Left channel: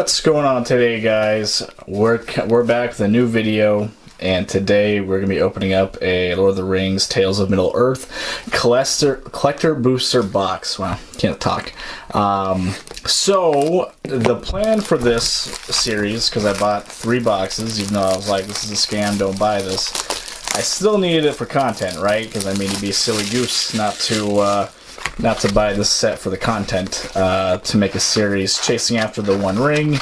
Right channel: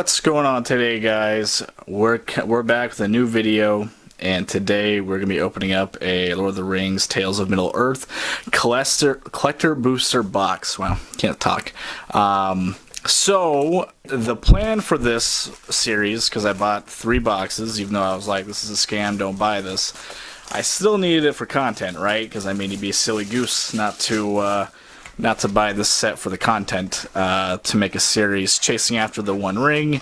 What's going on today, guys? We're back with a new video, and today we're gonna be opening up a Lord of the Rings: Tales of Middle Earth collector booster box. Wow, can't talk. So the plan for this series, because I bought 3 boxes, even though I was like, this is a scam, don't buy this. I still needed it for content, right? Because I mean, you'd be a silly goose not to buy this set for the content, to make a series chasing after the One Ring,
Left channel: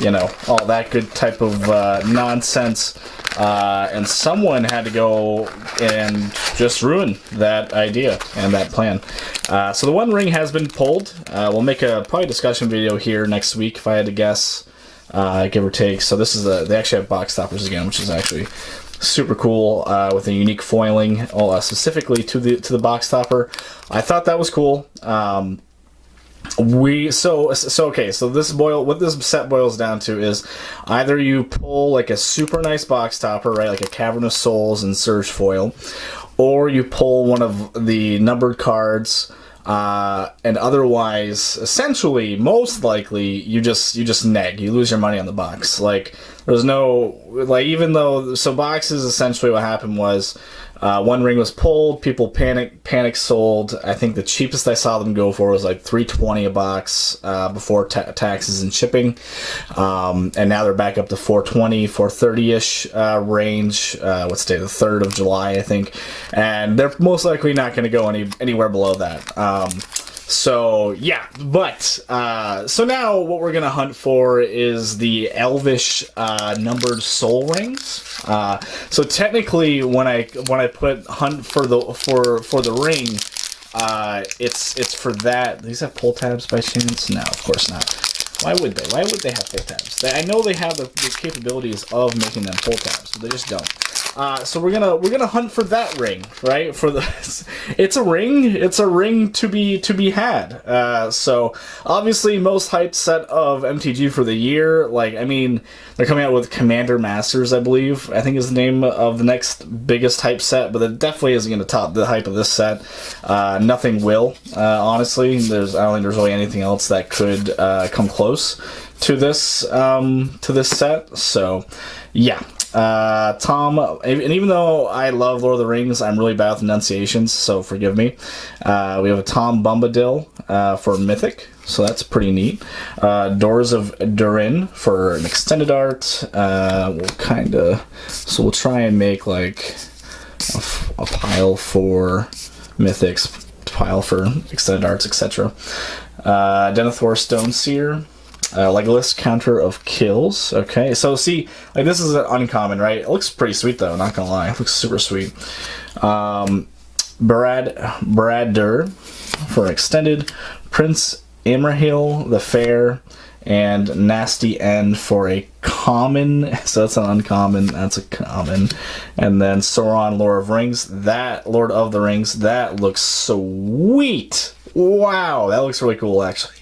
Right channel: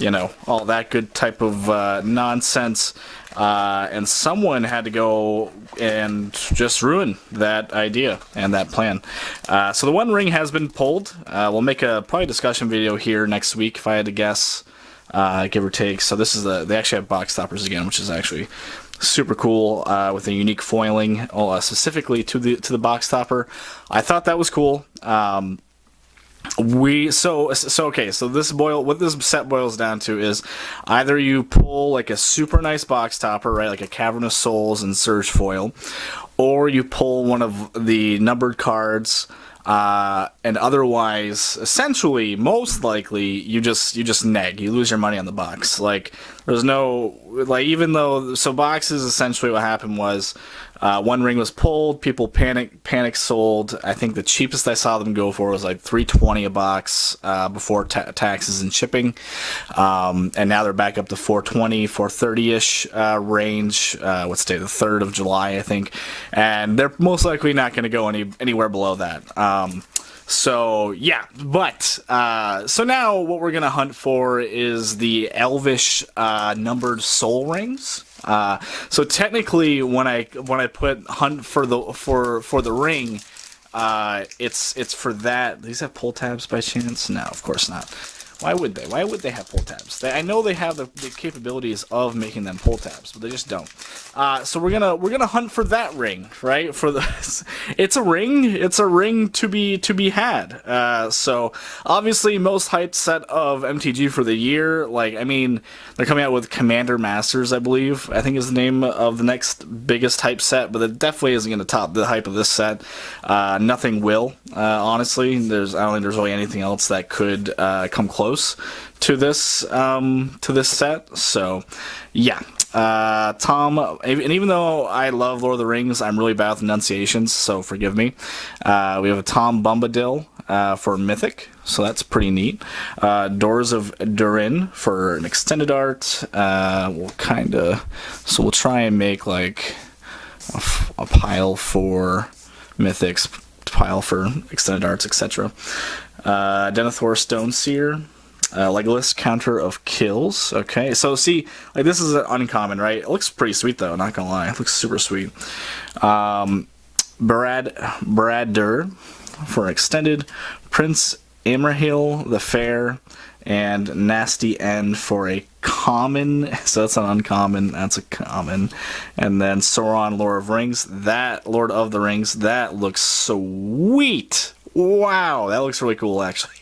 you know, all that good type of nonsense, and someone had to go and just ruin that idea and that plan. So the One Ring has been pulled. We'll make a probably discussion video here next week if I had to guess, give or take. So this is they actually have box toppers again, which is actually super cool, with a unique foiling, specifically to the box topper. I thought that was cool. Okay, so what this set boils down to is either you pull like a super nice box topper, right, like a Cavern of Souls and Surge foil, or you pull one of the numbered cards. And otherwise, essentially, most likely, you just neg. You lose your money on the box. Like, there's no, like, even though, so boxes, essentially what happened was, One Ring was pulled, people panic sold. I think the cheapest I saw them go for was like $3.20 a box, before taxes and shipping. And now they're back up to $4.20, $4.30-ish, range. What's today, the 3rd of July, I think. And they're most likely not going to go anywhere below that. So yeah, but so now what we're gonna hunt for is the elvish numbered soul rings. So technically, when I put hunt for the ring, it's for that. Do these have pull tabs by chance? No, of course not. Why would they? Why would they have pull tabs? I know they have the capabilities of making them pull tabs, but they just don't. So we're gonna hunt for that ring, right? For the, it's a ring. It's a ring to be had. So obviously, most hyped set of MTG for the year. Like, I mean, they're coming out with Commander Masters, I believe. I think is the name of the next biggest hype set, but it definitely isn't gonna top the hype of this set. Nothing will, honestly. I don't think there's really anything else that could come close to this set. So yeah. Tom, and even though I love Lord of the Rings, I'm really bad with enunciations, so forgive me. We have a Tom Bombadil for Mythic, so that's pretty neat. Doors of Durin for an extended art. We'll try and make like a pile for Mythics, pile for extended arts, etc. Denethor Stoneseer. Legolas, Counter of Kills. Okay, so see, like, this is an uncommon, right? It looks pretty sweet, though, not gonna lie. It looks super sweet. Baradur for extended. Prince Imrahil the Fair. And Nasty End for a common. So that's an uncommon. That's a common. And then Sauron, Lord of the Rings. That looks sweet. Wow, that looks really cool, actually.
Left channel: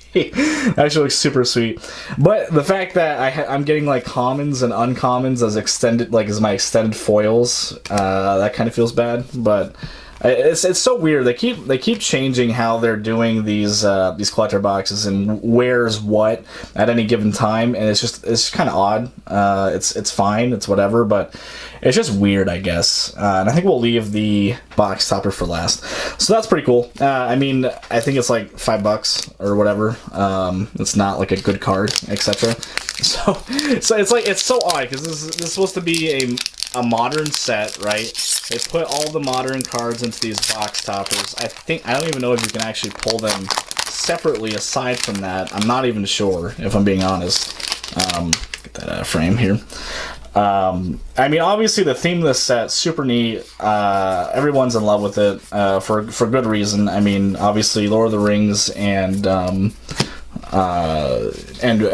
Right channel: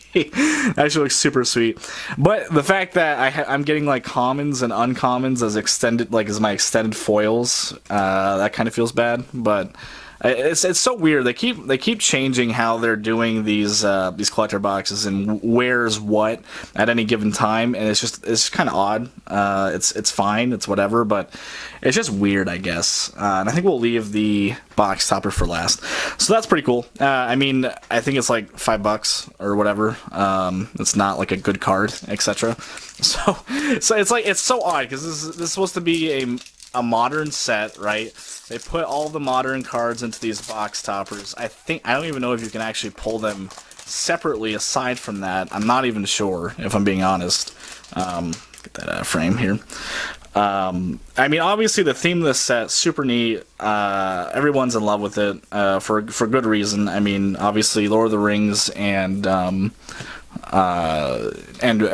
Actually looks super sweet. But the fact that I'm getting like commons and uncommons as extended, like as my extended foils, that kind of feels bad. But it's so weird. They keep changing how they're doing these collector boxes and where's what at any given time, and it's kind of odd. It's fine, it's whatever, but it's just weird, I guess. And I think we'll leave the box topper for last. So that's pretty cool. I mean, I think it's like $5 or whatever. It's not like a good card, etc. So it's so odd because this is supposed to be a modern set, right? They put all the modern cards into these box toppers. I don't even know if you can actually pull them separately aside from that. I'm not even sure, if I'm being honest. Get that out of frame here. I mean, obviously the theme of this set, super neat. Everyone's in love with it, for good reason. I mean, obviously Lord of the Rings and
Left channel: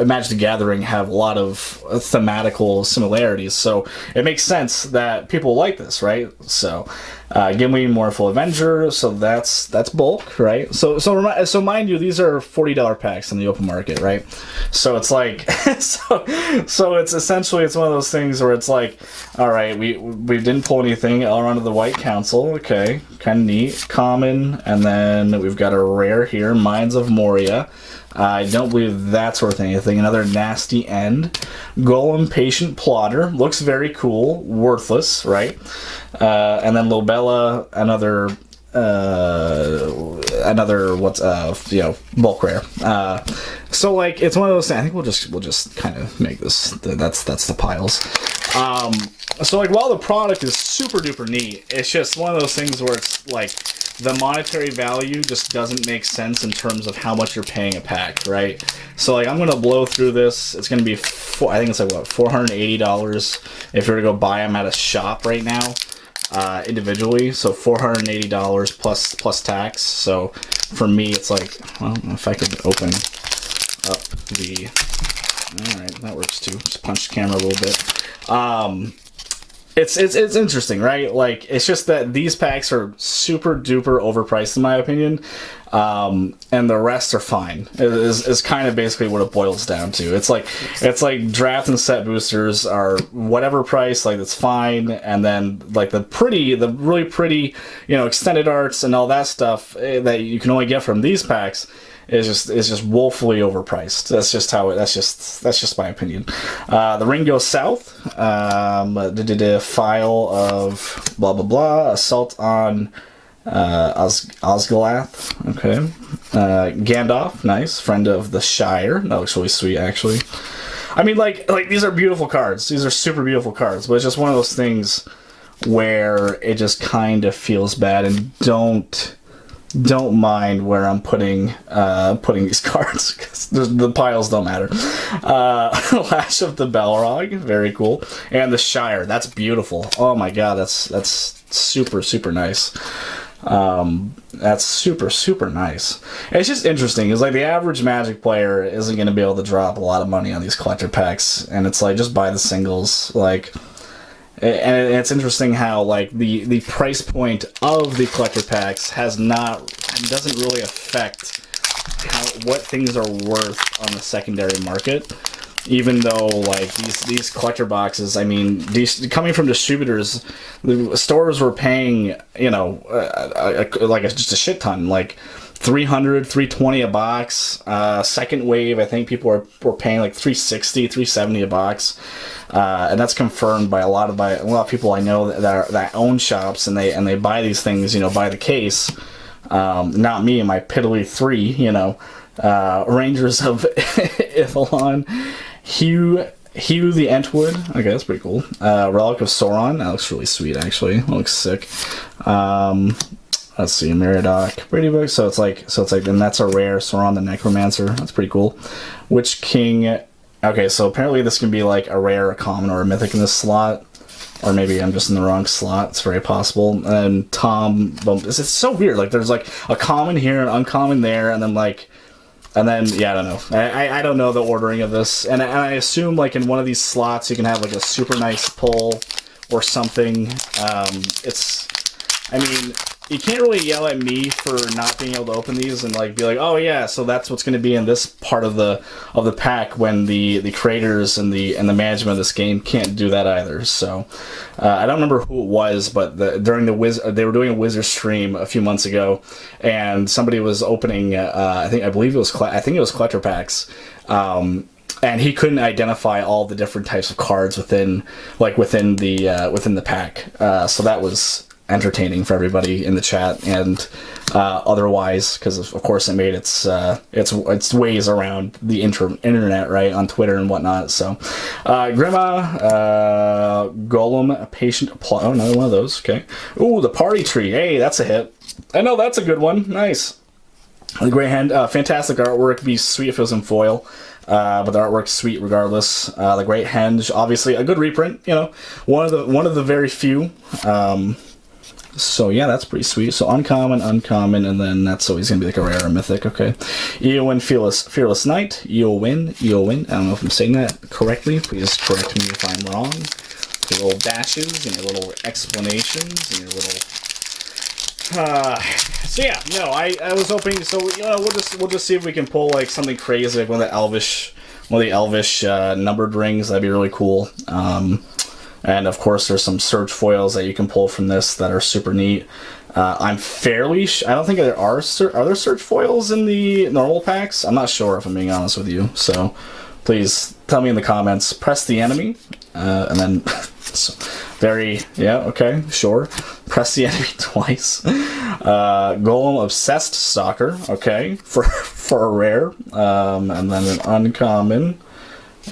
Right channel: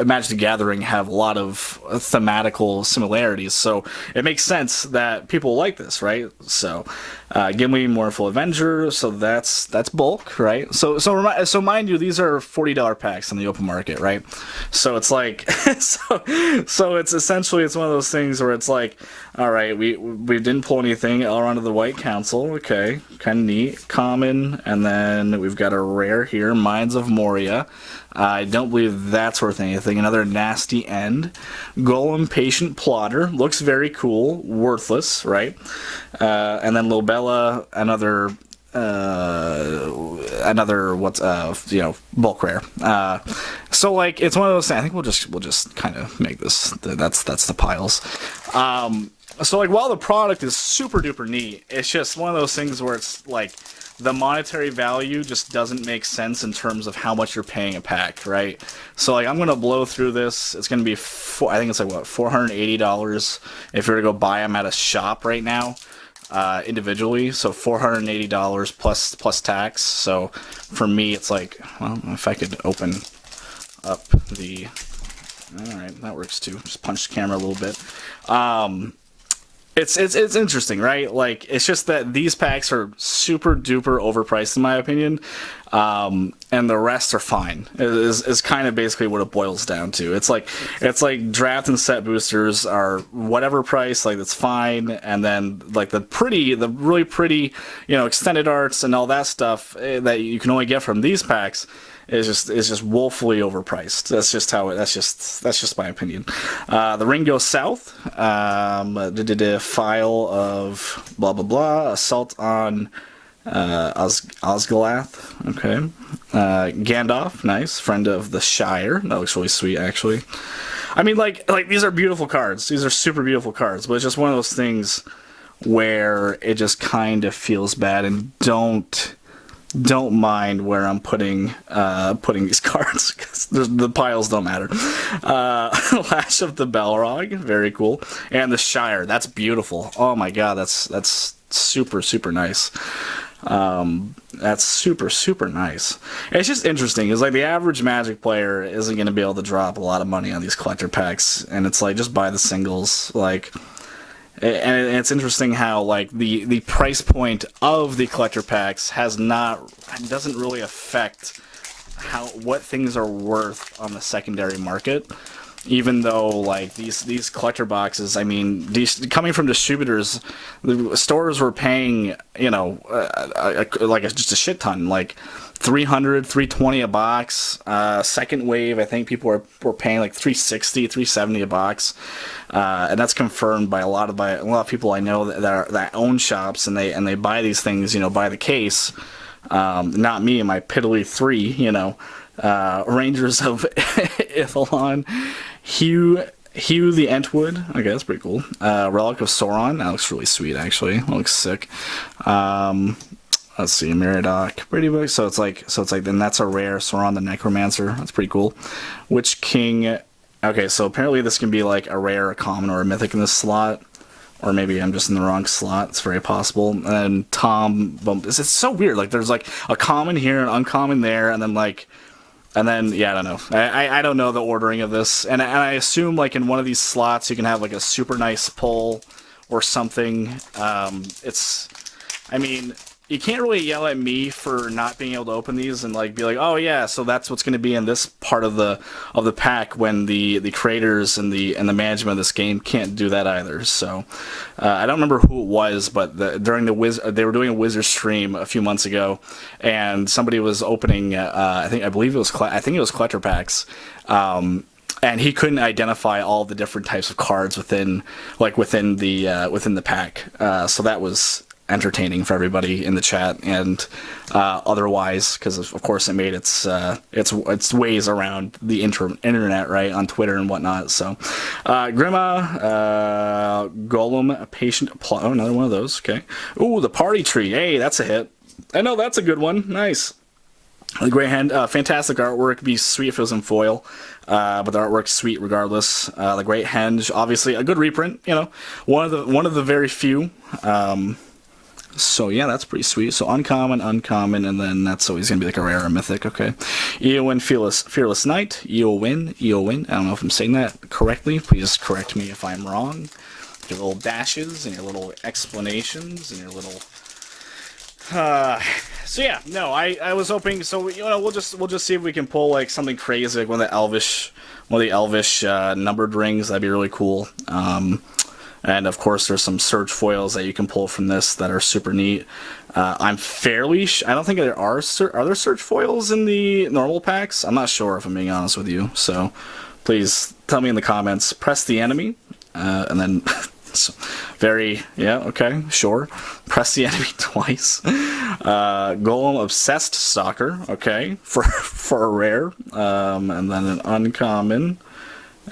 Magic the Gathering have a lot of thematical similarities, so it makes sense that people like this, right? So Gimli, Mournful Avenger, so that's bulk, right? So mind you, these are $40 packs in the open market, right? So it's like, so it's essentially, it's one of those things where it's like, all right, we didn't pull anything. Elrond of the White Council, okay, kind of neat, common, and then we've got a rare here, Mines of Moria. I don't believe that's worth anything. Another Nasty End. Golem, Patient Plotter. Looks very cool. Worthless, right? And then Lobella, another bulk rare. So like it's one of those things. I think we'll just kind of make this. That's the piles. So like while the product is super duper neat, it's just one of those things where it's like the monetary value just doesn't make sense in terms of how much you're paying a pack, right? So like I'm gonna blow through this. It's gonna be I think it's like what, $480 if you're to go buy them at a shop right now, individually. So $480 plus tax. So for me, it's like, well, if I could open up the, all right, that works too. Just punch the camera a little bit. It's interesting, right? Like, it's just that these packs are super duper overpriced in my opinion, and the rest are fine. Is kind of basically what it boils down to. It's like draft and set boosters are whatever price, like it's fine, and then like the really pretty, extended arts and all that stuff that you can only get from these packs is just woefully overpriced. That's just my opinion. The ring goes south. File of blah blah blah. Assault on Osgiliath. Okay. Gandalf, nice. Friend of the Shire. That looks really sweet, actually. I mean, like these are beautiful cards. These are super beautiful cards, but it's just one of those things where it just kind of feels bad, and don't mind where I'm putting these cards, because the piles don't matter. Lash of the Balrog, very cool, and the Shire, that's beautiful. Oh my god, that's super nice. That's super nice. It's just interesting. It's like the average Magic player isn't going to be able to drop a lot of money on these collector packs, and it's like just buy the singles, like. And it's interesting how like the price point of the collector packs doesn't really affect what things are worth on the secondary market, even though like these collector boxes, I mean, coming from distributors, the stores were paying just a shit ton, like $300, $320 a box. Second wave, I think people were paying like $360, $370 a box, and that's confirmed by a lot of people I know that own shops, and they buy these things, by the case. Not me and my piddly three, Rangers of Ithalon, Hugh the Entwood. Okay, that's pretty cool. Relic of Sauron. That looks really sweet, actually. That looks sick. Let's see, Meriadoc, pretty big. So it's like, and that's a rare. Sauron the Necromancer. That's pretty cool. Witch King. Okay, so apparently this can be like a rare, a common, or a mythic in this slot. Or maybe I'm just in the wrong slot. It's very possible. And Tom, it's so weird. Like there's like a common here, an uncommon there, and then yeah, I don't know. I don't know the ordering of this. And I assume like in one of these slots you can have like a super nice pull or something. I mean, you can't really yell at me for not being able to open these and like be like, oh yeah, so that's what's going to be in this part of the pack, when the creators and the management of this game can't do that either. So I don't remember who it was, but they were doing a Wizard stream a few months ago, and somebody was opening I think it was collector packs. And he couldn't identify all the different types of cards within the pack. So that was entertaining for everybody in the chat and otherwise, because of course it made its ways around the internet, right, on Twitter and whatnot. So Grima, Golem, Patient Plot. Oh, another one of those. Okay. Ooh, the Party Tree. Hey, that's a hit. I know, that's a good one. Nice. The Grey Hand, fantastic artwork. It'd be sweet if it was in foil, but the artwork's sweet regardless. The Great Henge, obviously a good reprint. One of the very few. So yeah, that's pretty sweet. So uncommon, and then that's always gonna be like a rare or mythic. Okay. Eowyn, Fearless Knight. Eowyn. I don't know if I'm saying that correctly. Please correct me if I'm wrong. Your little dashes and your little explanations and your little So yeah, no, I was hoping. So you know, we'll just see if we can pull like something crazy, like one of the elvish numbered rings. That'd be really cool. And of course, there's some surge foils that you can pull from this that are super neat. I'm fairly. I don't think there are there surge foils in the normal packs. I'm not sure, if I'm being honest with you. So please tell me in the comments. Press the enemy, and then. So, yeah, okay, sure. Press the enemy twice. Golem Obsessed Stalker, okay, for a rare. And then an uncommon.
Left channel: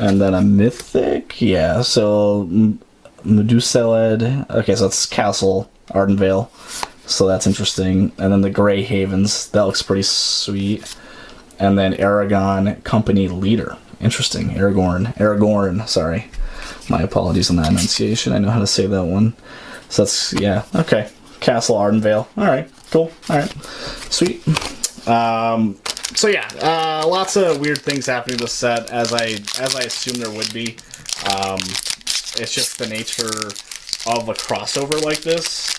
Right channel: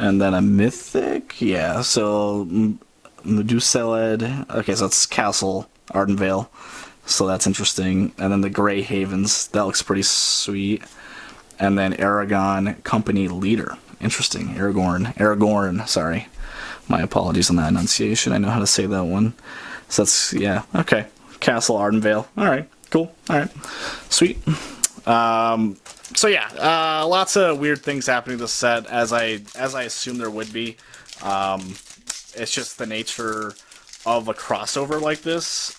And then a mythic, yeah, so Medusaled, okay, so that's Castle Ardenvale, so that's interesting. And then the Grey Havens, that looks pretty sweet. And then Aragon Company Leader, interesting. Aragorn, sorry. My apologies on that enunciation. I know how to say that one. So that's, yeah, okay. Castle Ardenvale. Alright, cool. Alright. Sweet. So yeah, lots of weird things happening in this set, as I assume there would be. It's just the nature of a crossover like this.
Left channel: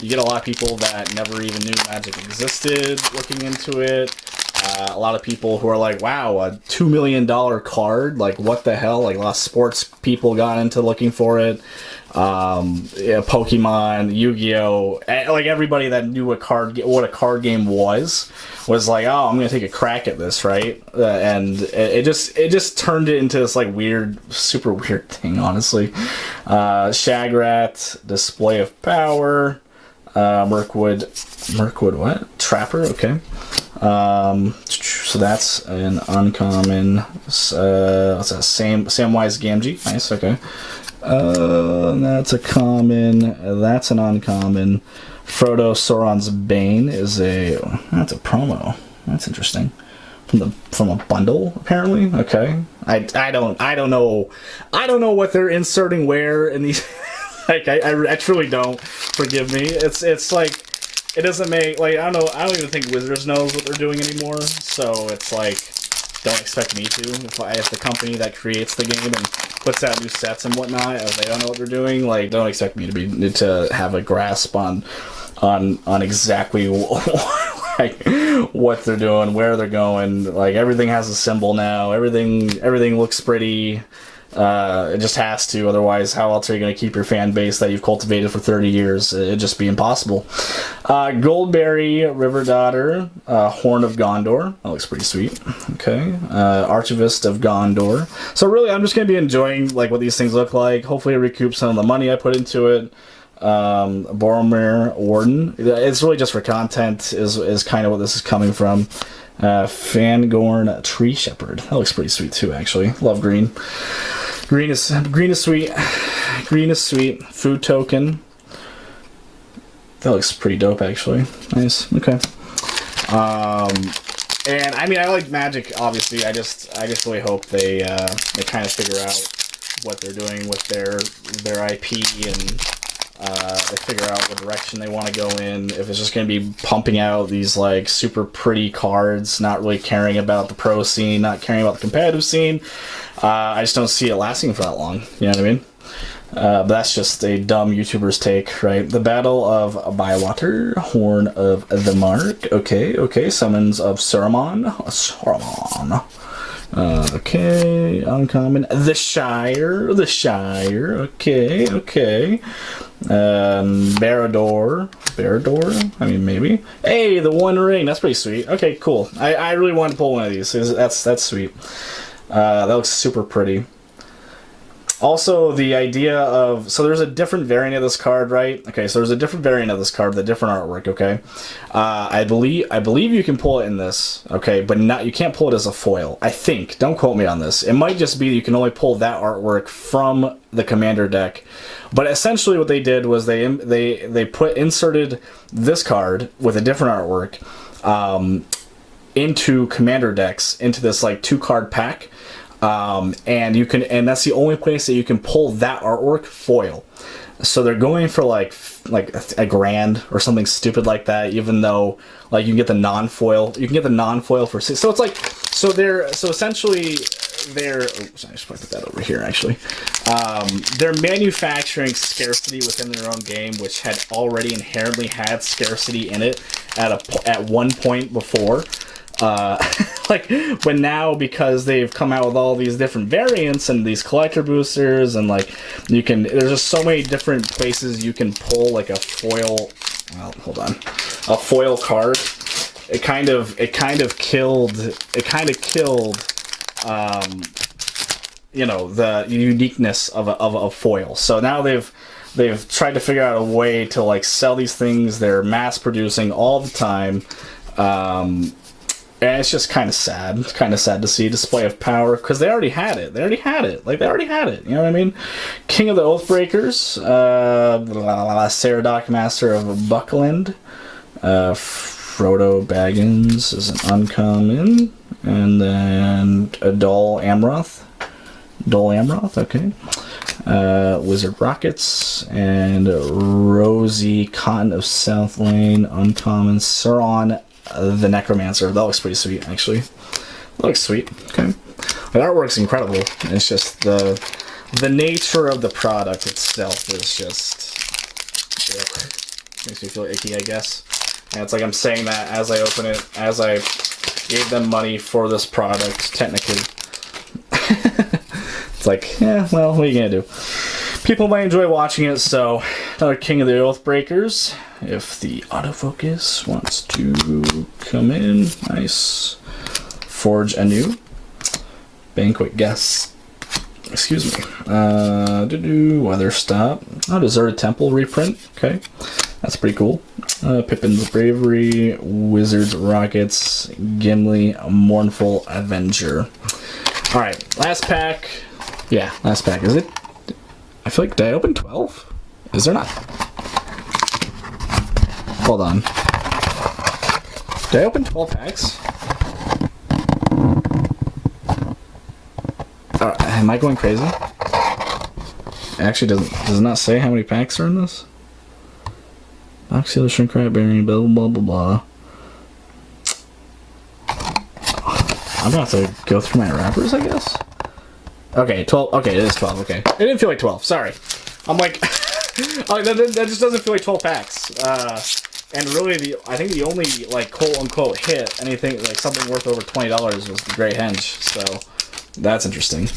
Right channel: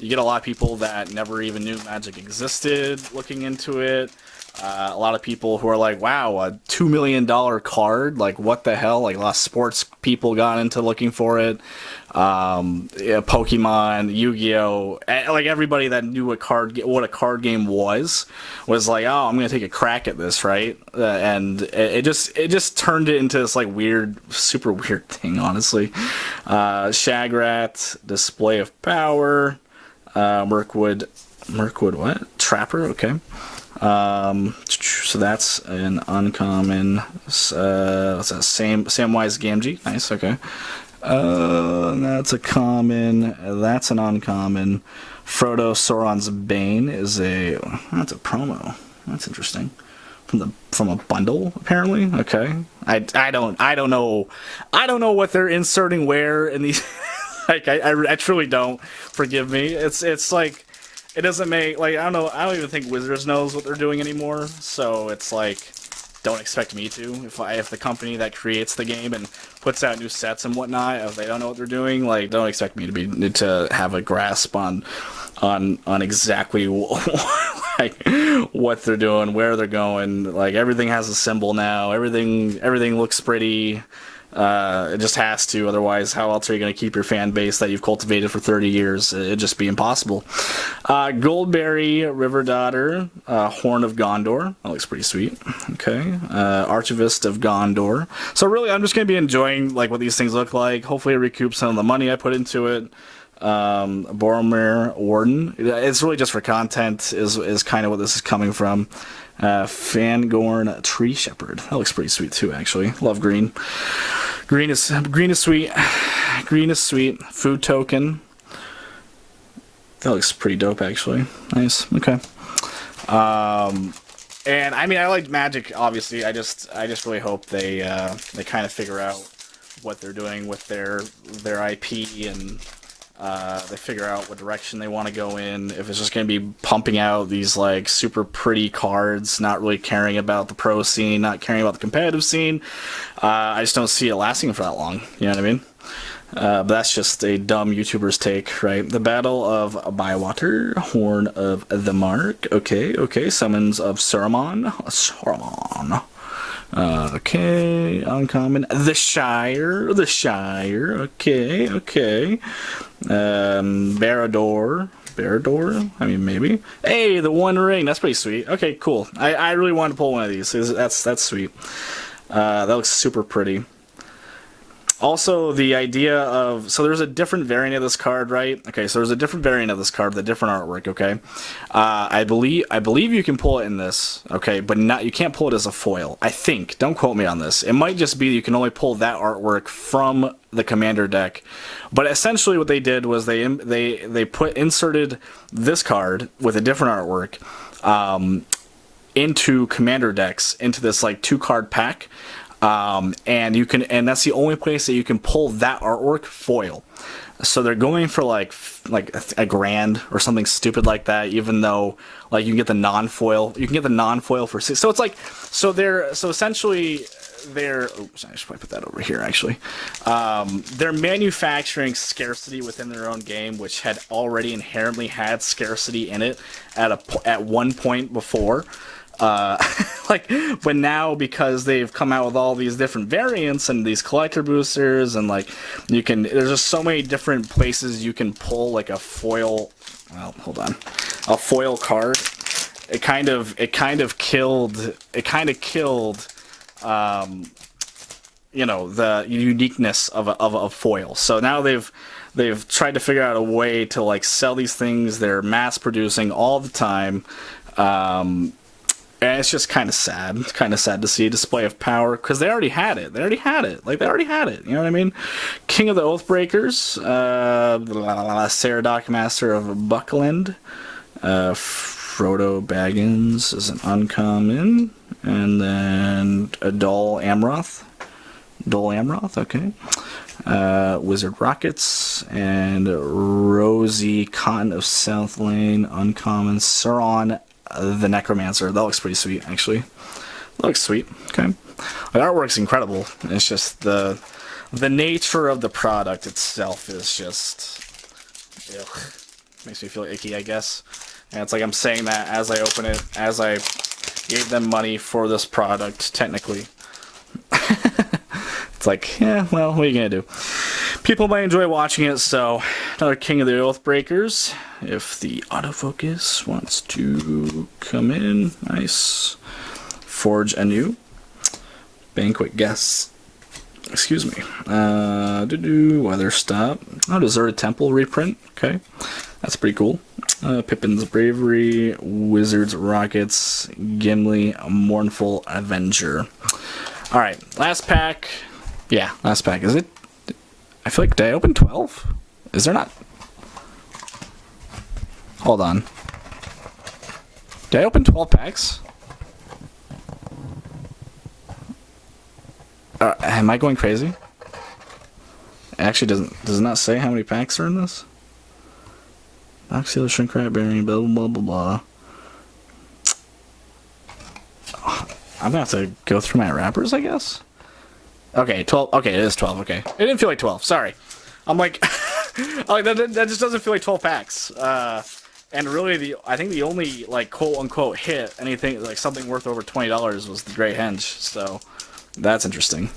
You get a lot of people that never even knew Magic existed looking into it. A lot of people who are like, wow, a $2 million card, like what the hell? Like a lot of sports people got into looking for it. Yeah, Pokemon, Yu-Gi-Oh, like everybody that knew what a card game was like, oh, I'm gonna take a crack at this, right? And it just turned it into this like weird, super weird thing, honestly. Shagrat, Display of Power, Mirkwood, what? Trapper, okay. So that's an uncommon. What's that? Samwise Gamgee. Nice. Okay. That's a common. That's an uncommon. Frodo Sauron's Bane is that's a promo. That's interesting. From a bundle, apparently. Okay. I don't know what they're inserting where in these. Like I truly don't. Forgive me. It's like. It doesn't make, like, I don't even think Wizards knows what they're doing anymore, so it's like, don't expect me to. If the company that creates the game and puts out new sets and whatnot, if they don't know what they're doing, like, don't expect me to have a grasp on exactly like what they're doing, where they're going. Like, everything has a symbol now, everything looks pretty. It just has to, otherwise how else are you going to keep your fan base that you've cultivated for 30 years? It'd just be impossible. Goldberry, River Daughter, Horn of Gondor, that looks pretty sweet. Okay. Archivist of Gondor. So really, I'm just going to be enjoying like what these things look like. Hopefully recoup some of the money I put into it. Boromir Warden, it's really just for content is kind of what this is coming from. Fangorn Tree Shepherd, that looks pretty sweet too, actually. Love green. Green is sweet. Green is sweet. Food token. That looks pretty dope, actually. Nice. Okay. And I mean, I like Magic. Obviously, I just really hope they kind of figure out what they're doing with their IP and they figure out what direction they want to go in. If it's just going to be pumping out these like super pretty cards, not really caring about the pro scene, not caring about the competitive scene, I just don't see it lasting for that long. You know what I mean? But that's just a dumb YouTuber's take, right? The Battle of Bywater, Horn of the Mark. Okay. Summons of Saruman. Okay, uncommon. The Shire. Okay. Barrador. I mean, maybe. Hey, the One Ring. That's pretty sweet. Okay, cool. I really want to pull one of these. That's sweet. That looks super pretty. Also, the idea of... So there's a different variant of this card, right? Okay, so there's a different variant of this card with a different artwork, okay? I believe you can pull it in this, okay? But you can't pull it as a foil, I think. Don't quote me on this. It might just be you can only pull that artwork from the Commander deck. But essentially what they did was they inserted this card with a different artwork into Commander decks, into this, like, 2-card pack. And that's the only place that you can pull that artwork foil. So they're going for like $1,000 or something stupid like that, even though like you can get the non-foil. You can get the non-foil for $6. So it's like so essentially oops, I should probably put that over here actually. They're manufacturing scarcity within their own game, which had already inherently had scarcity in it at one point before. Like, but now because they've come out with all these different variants and these collector boosters, and like there's just so many different places you can pull like a foil. Well, hold on, a foil card. It kind of killed. You know, the uniqueness of a foil. So now they've tried to figure out a way to like sell these things. They're mass producing all the time. And it's just kind of sad. It's kind of sad to see display of power because they already had it. Like they already had it. You know what I mean? King of the Oathbreakers, Saradoc Master of Buckland, Frodo Baggins is an uncommon, and then a Dol Amroth, okay. Wizard Rockets, and Rosie Cotton of South Lane, uncommon. Sauron the Necromancer. That looks pretty sweet, actually. That looks sweet. Okay. The artwork's incredible. It's just the nature of the product itself is just... Ugh. Makes me feel icky, I guess. And it's like I'm saying that as I open it, as I gave them money for this product, technically. It's like, yeah, well, what are you gonna do? People might enjoy watching it, so another King of the Oathbreakers. If the autofocus wants to come in, nice. Forge anew. Banquet guests. Excuse me. Weather stop. Oh, Deserted Temple reprint. Okay, that's pretty cool. Pippin's Bravery, Wizard's Rockets, Gimli, Mournful Avenger. All right, last pack. Yeah, last pack. Is it? I feel like, did I open 12? Is there not? Hold on. Did I open 12 packs? Am I going crazy? It actually does it not say how many packs are in this? Oxylar, Shrink Rat, Berry, blah, blah, blah, blah. I'm gonna have to go through my wrappers, I guess. Okay, 12. Okay, it is 12. Okay. It didn't feel like 12. Sorry. I'm like, that just doesn't feel like 12 packs. And really, I think the only, like, quote-unquote hit, anything, like, something worth over $20 was the Great Henge. So, that's interesting.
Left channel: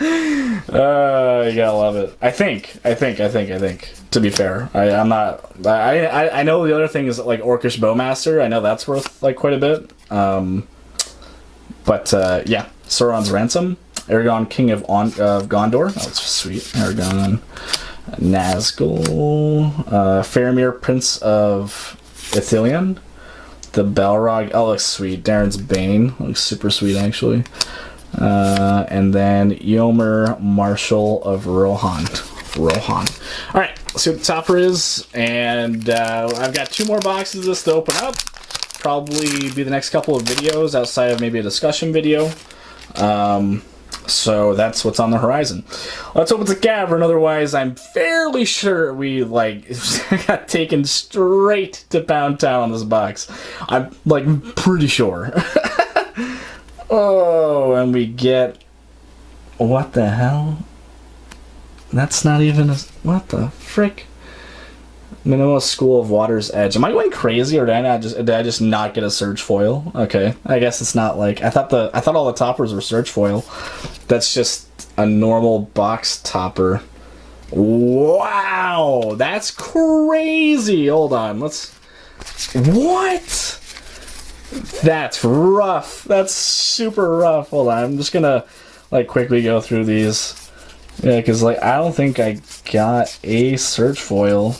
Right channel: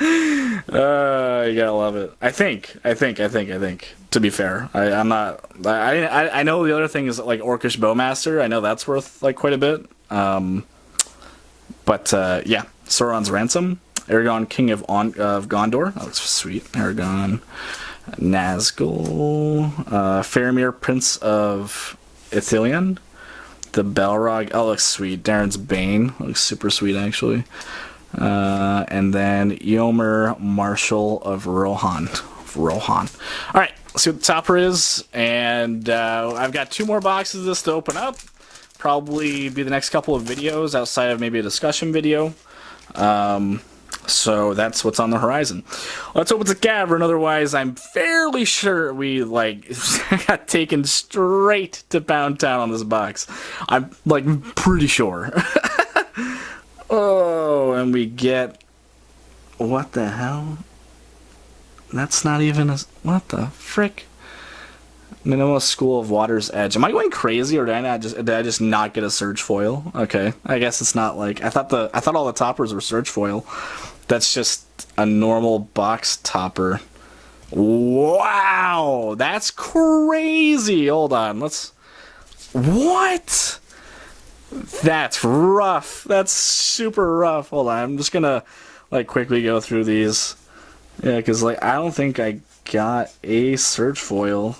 You gotta love it. I think. To be fair, I'm not. I know the other thing is like Orcish Bowmaster. I know that's worth like quite a bit. But yeah, Sauron's Ransom, Aragon King of Gondor. Oh, that's sweet. Aragon, Nazgul, Faramir Prince of Ithilien, the Balrog. Oh, looks sweet. Darren's Bane looks super sweet actually. And then Yomer Marshal of Rohan. All right, let's see what the topper is, and I've got 2 more boxes of this to open up. Probably be the next couple of videos outside of maybe a discussion video. So that's what's on the horizon. Let's hope it's a cavern. Otherwise, I'm fairly sure we got taken straight to Pound Town on this box. I'm pretty sure. Oh, and we get, what the hell? That's not even a, what the frick? Minimal School of Water's Edge. Am I going crazy, or did I just not get a Surge Foil? Okay, I guess it's not like I thought all the toppers were Surge Foil. That's just a normal box topper. Wow, that's crazy. Hold on, what? That's rough. That's super rough. Hold on, I'm just gonna quickly go through these. Yeah, because I don't think I got a Surge Foil.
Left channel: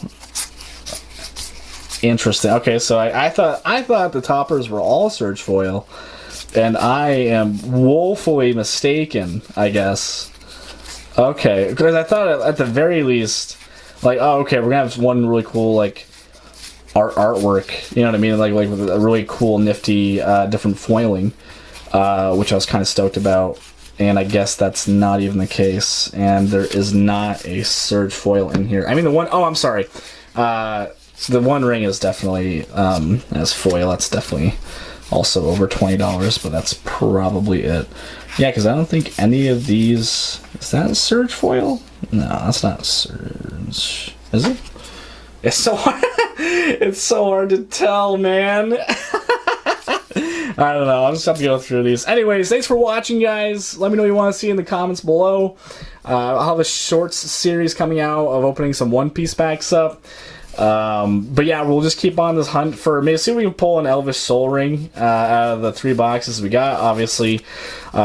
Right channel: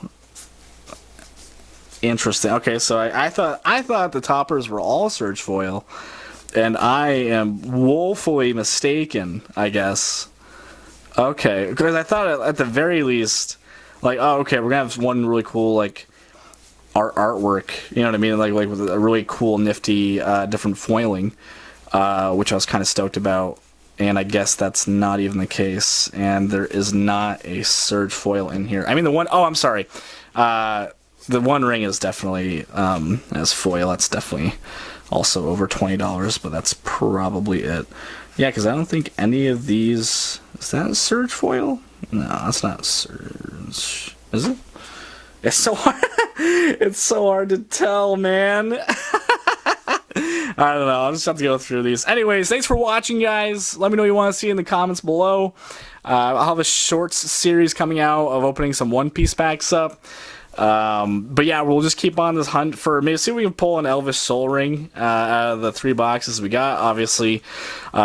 Interesting. Okay, so I thought the toppers were all Surge Foil, and I am woefully mistaken, I guess. Okay, because I thought at the very least, oh, okay, we're gonna have one really cool artwork. You know what I mean? Like with a really cool, nifty, different foiling, which I was kind of stoked about. And I guess that's not even the case. And there is not a Surge Foil in here. I mean, I'm sorry. The One Ring is definitely, as foil, that's definitely also over $20, but that's probably it. Yeah, because I don't think any of these... Is that a Surge foil? No, that's not Surge. Is it? It's so hard. It's so hard to tell, man. I don't know. I'll just have to go through these. Anyways, thanks for watching, guys. Let me know what you want to see in the comments below. I'll have a shorts series coming out of opening some One Piece packs up. But yeah, we'll just keep on this hunt for maybe see if we can pull an Elvish Soul Ring out of the 3 boxes we got. Obviously,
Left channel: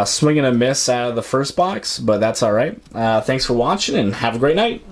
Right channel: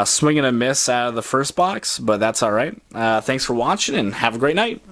swing and a miss out of the first box, but that's all right. Thanks for watching and have a great night.